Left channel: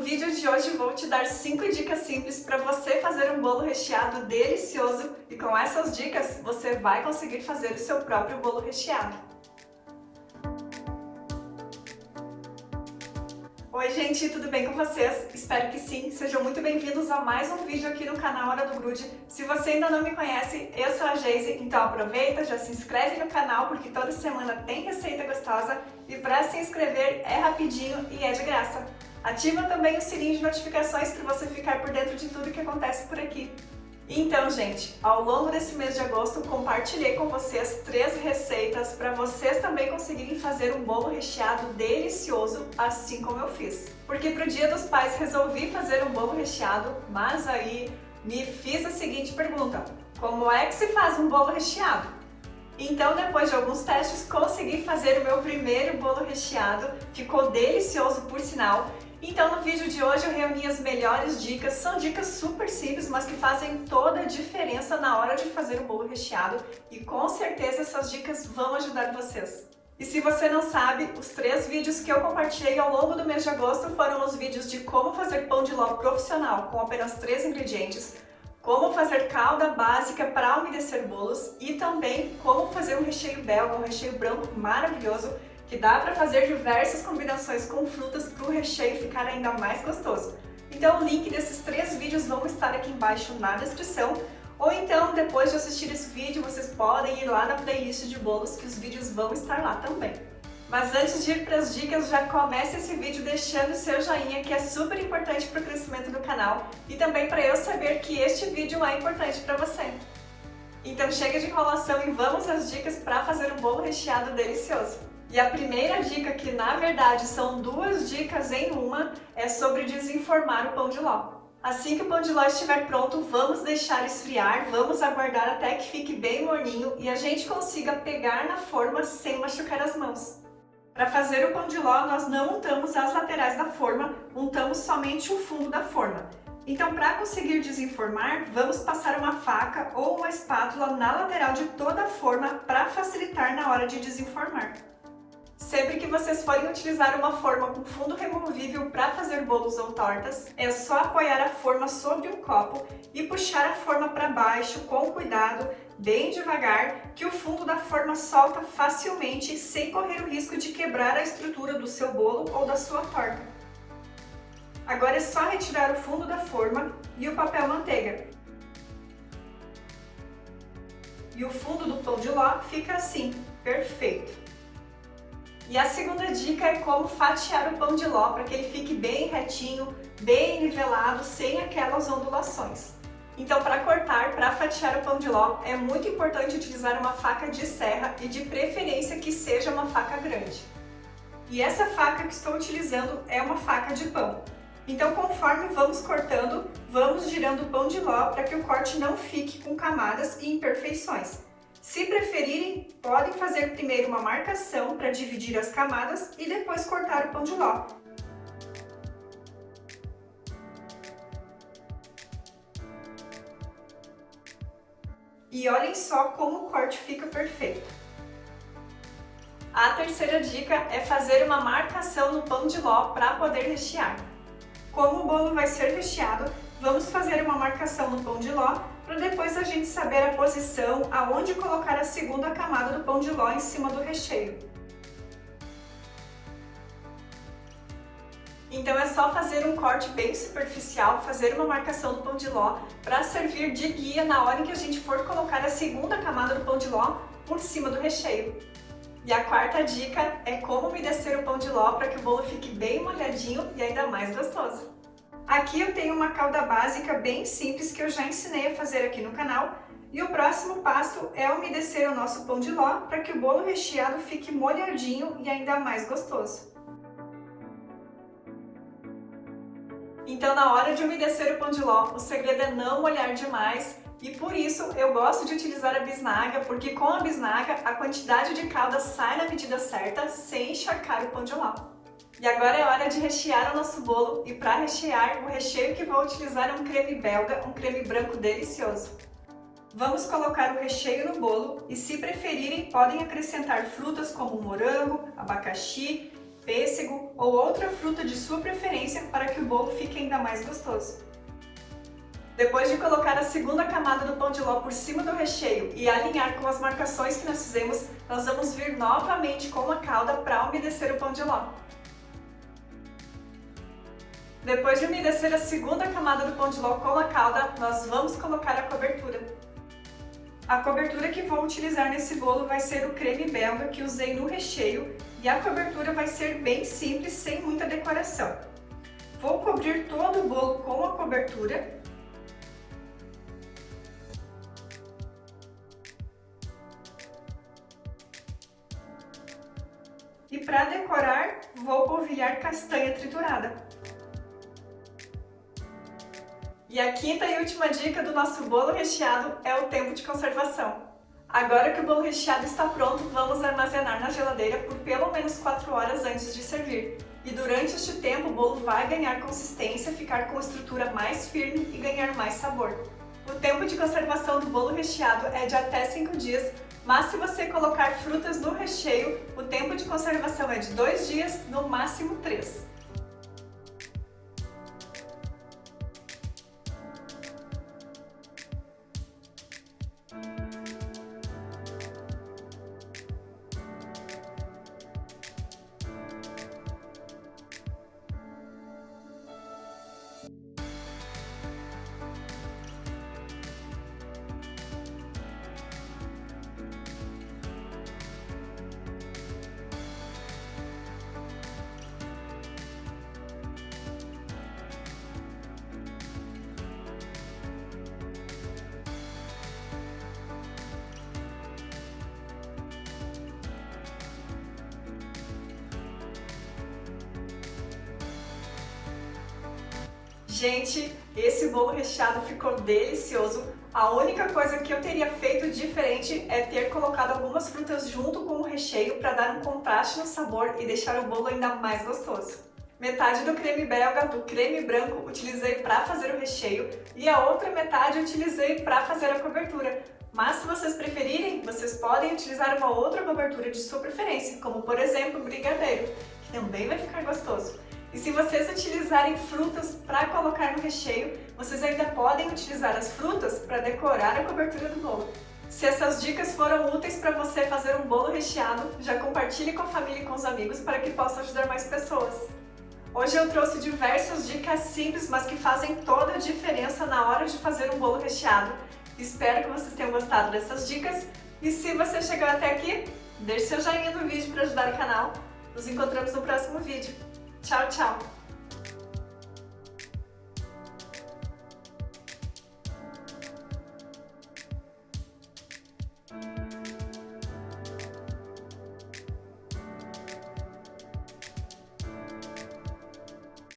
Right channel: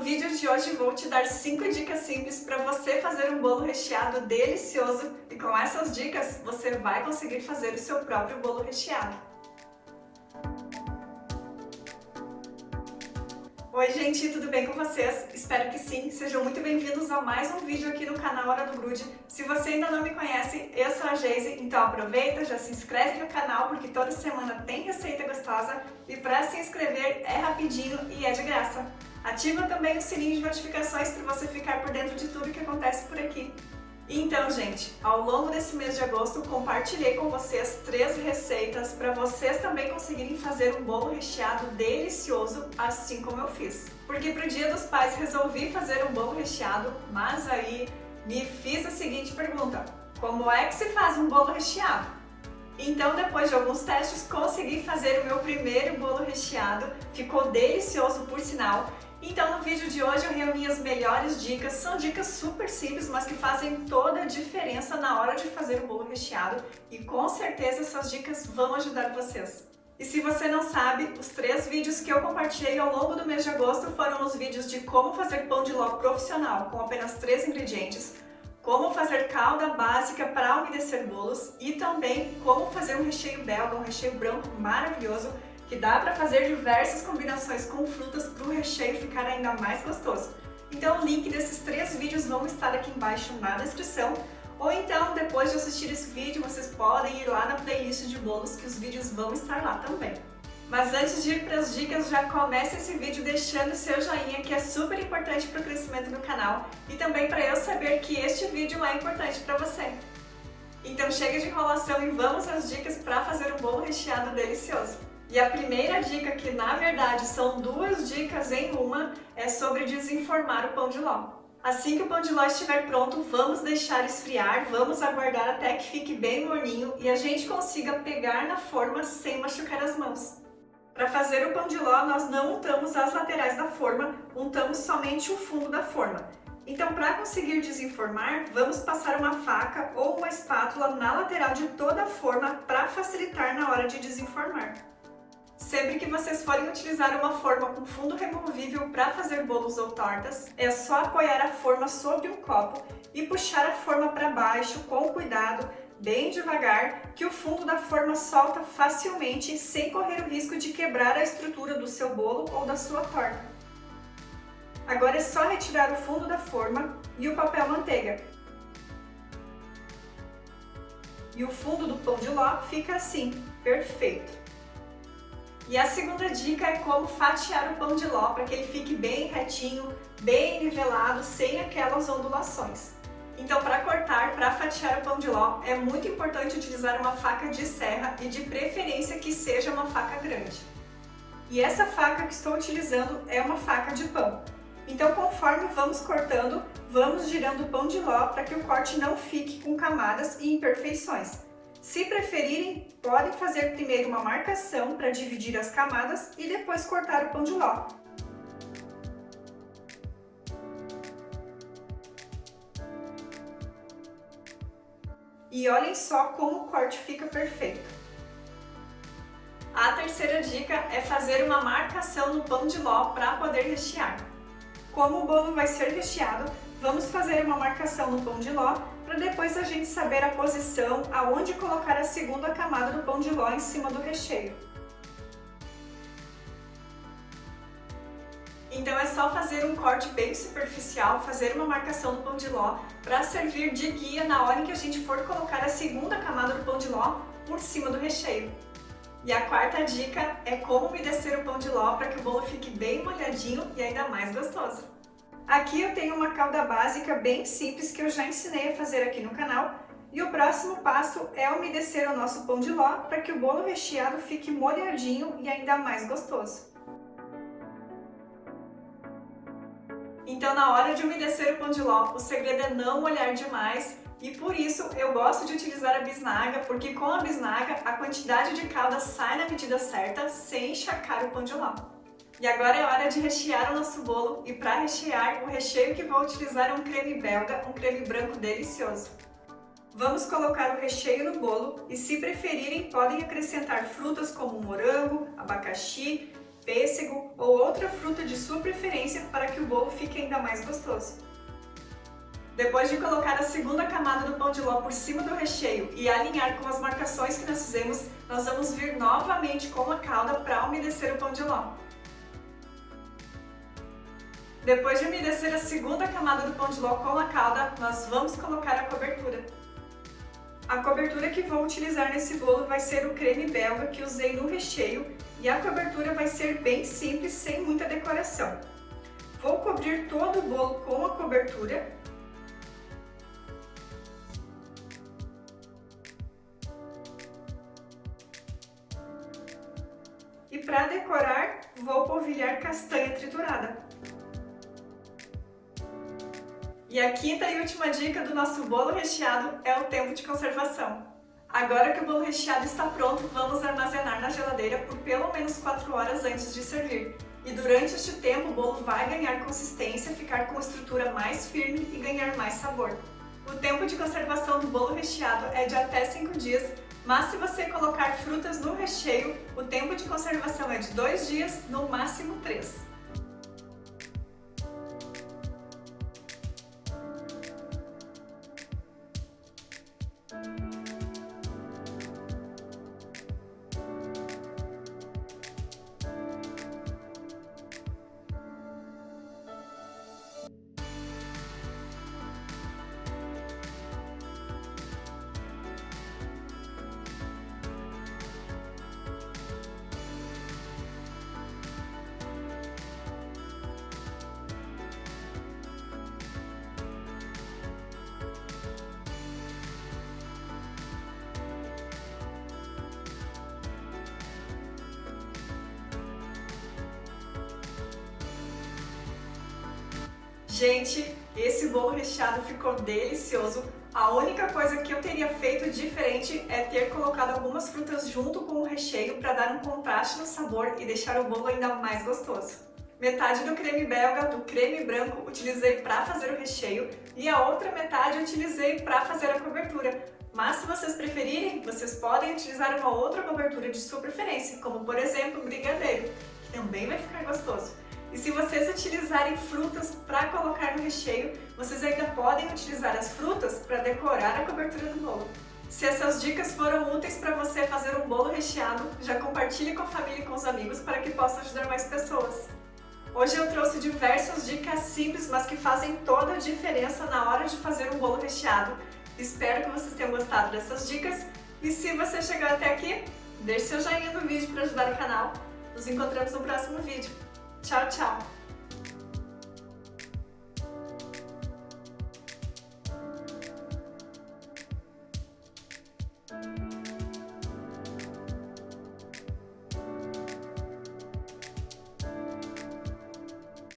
No vídeo de hoje vou te dar 5 dicas simples para você fazer um bolo recheado delicioso e com essas dicas você vai conseguir fazer o seu próprio bolo recheado. Oi gente, tudo bem com vocês? Espero que sim, sejam muito bem-vindos a mais um vídeo aqui no canal Hora do Grude. Se você ainda não me conhece, eu sou a Geise, então aproveita, já se inscreve no canal porque toda semana tem receita gostosa e para se inscrever é rapidinho e é de graça. Ativa também o sininho de notificações para você ficar por dentro de tudo que acontece por aqui. Então, gente, ao longo desse mês de agosto, compartilhei com vocês 3 receitas para vocês também conseguirem fazer um bolo recheado delicioso, assim como eu fiz. Porque pro Dia dos Pais resolvi fazer um bolo recheado, mas aí me fiz a seguinte pergunta: como é que se faz um bolo recheado? Então, depois de alguns testes, consegui fazer o meu primeiro bolo recheado, ficou delicioso por sinal. Então no vídeo de hoje eu reuni as melhores dicas, são dicas super simples, mas que fazem toda a diferença na hora de fazer o bolo recheado e com certeza essas dicas vão ajudar vocês. E se você não sabe, os 3 vídeos que eu compartilhei ao longo do mês de agosto foram os vídeos de como fazer pão de ló profissional com apenas 3 ingredientes, como fazer calda básica para umedecer bolos e também como fazer um recheio belga, um recheio branco maravilhoso, que dá para fazer diversas combinações com frutas para o recheio ficar ainda mais gostoso. Então o link desses 3 vídeos vão estar aqui embaixo na descrição, ou então depois de assistir esse vídeo vocês podem ir lá na playlist de bolos que os vídeos vão estar lá também. Mas antes de ir para as dicas, já comece esse vídeo deixando o seu joinha, que é super importante para o crescimento do canal e também para eu saber que este vídeo é importante para você. Então chega de enrolação e vamos às dicas para fazer um bolo recheado delicioso. E a primeira dica, que na verdade são 2 dicas em uma, é sobre desenformar o pão de ló. Assim que o pão de ló estiver pronto, vamos deixar esfriar, vamos aguardar até que fique bem morninho e a gente consiga pegar na forma sem machucar as mãos. Para fazer o pão de ló, nós não untamos as laterais da forma, untamos somente o fundo da forma. Então, para conseguir desenformar, vamos passar uma faca ou uma espátula na lateral de toda a forma para facilitar na hora de desenformar. Sempre que vocês forem utilizar uma forma com fundo removível para fazer bolos ou tortas, é só apoiar a forma sobre um copo e puxar a forma para baixo com cuidado, bem devagar, que o fundo da forma solta facilmente sem correr o risco de quebrar a estrutura do seu bolo ou da sua torta. Agora é só retirar o fundo da forma e o papel manteiga. E o fundo do pão de ló fica assim, perfeito. E a segunda dica é como fatiar o pão de ló para que ele fique bem retinho, bem nivelado, sem aquelas ondulações. Então, para cortar, para fatiar o pão de ló, é muito importante utilizar uma faca de serra e de preferência que seja uma faca grande. E essa faca que estou utilizando é uma faca de pão. Então, conforme vamos cortando, vamos girando o pão de ló para que o corte não fique com camadas e imperfeições. Se preferirem, podem fazer primeiro uma marcação para dividir as camadas e depois cortar o pão de ló. E olhem só como o corte fica perfeito. A terceira dica é fazer uma marcação no pão de ló para poder rechear. Como o bolo vai ser recheado, vamos fazer uma marcação no pão de ló para depois a gente saber a posição aonde colocar a segunda camada do pão de ló em cima do recheio. Então é só fazer um corte bem superficial, fazer uma marcação no pão de ló para servir de guia na hora em que a gente for colocar a segunda camada do pão de ló por cima do recheio. E a quarta dica é como umedecer o pão de ló para que o bolo fique bem molhadinho e ainda mais gostoso. Aqui eu tenho uma calda básica bem simples que eu já ensinei a fazer aqui no canal e o próximo passo é umedecer o nosso pão de ló para que o bolo recheado fique molhadinho e ainda mais gostoso. Então na hora de umedecer o pão de ló, o segredo é não molhar demais e por isso eu gosto de utilizar a bisnaga, porque com a bisnaga a quantidade de calda sai na medida certa sem encharcar o pão de ló. E agora é hora de rechear o nosso bolo e para rechear, o recheio que vou utilizar é um creme belga, um creme branco delicioso. Vamos colocar o recheio no bolo e, se preferirem, podem acrescentar frutas como morango, abacaxi, pêssego ou outra fruta de sua preferência para que o bolo ainda mais gostoso. Depois de colocar a segunda camada do pão de ló por cima do recheio e alinhar com as marcações que nós fizemos, nós vamos vir novamente com a calda para umedecer o pão de ló. Depois de umedecer a segunda camada do pão de ló com a calda, nós vamos colocar a cobertura. A cobertura que vou utilizar nesse bolo vai ser o creme belga que usei no recheio e a cobertura vai ser bem simples, sem muita decoração. Vou cobrir todo o bolo com a cobertura. E para decorar, vou polvilhar castanha triturada. E a quinta e última dica do nosso bolo recheado é o tempo de conservação. Agora que o bolo recheado está pronto, vamos armazenar na geladeira por pelo menos 4 horas antes de servir. E durante este tempo o bolo vai ganhar consistência, ficar com estrutura mais firme e ganhar mais sabor. O tempo de conservação do bolo recheado é de até 5 dias, mas se você colocar frutas no recheio, o tempo de conservação é de 2 dias, no máximo 3. Gente, esse bolo recheado ficou delicioso. A única coisa que eu teria feito diferente é ter colocado algumas frutas junto com o recheio para dar um contraste no sabor e deixar o bolo ainda mais gostoso. Metade do creme belga, do creme branco, utilizei para fazer o recheio e a outra metade utilizei para fazer a cobertura. Mas se vocês preferirem, vocês podem utilizar uma outra cobertura de sua preferência, como por exemplo o brigadeiro, que também vai ficar gostoso. E se vocês utilizarem frutas para colocar no recheio, vocês ainda podem utilizar as frutas para decorar a cobertura do bolo. Se essas dicas foram úteis para você fazer um bolo recheado, já compartilhe com a família e com os amigos para que possam ajudar mais pessoas. Hoje eu trouxe diversas dicas simples, mas que fazem toda a diferença na hora de fazer um bolo recheado. Espero que vocês tenham gostado dessas dicas e se você chegou até aqui, deixe seu joinha no vídeo para ajudar o canal. Nos encontramos no próximo vídeo. Tchau, tchau!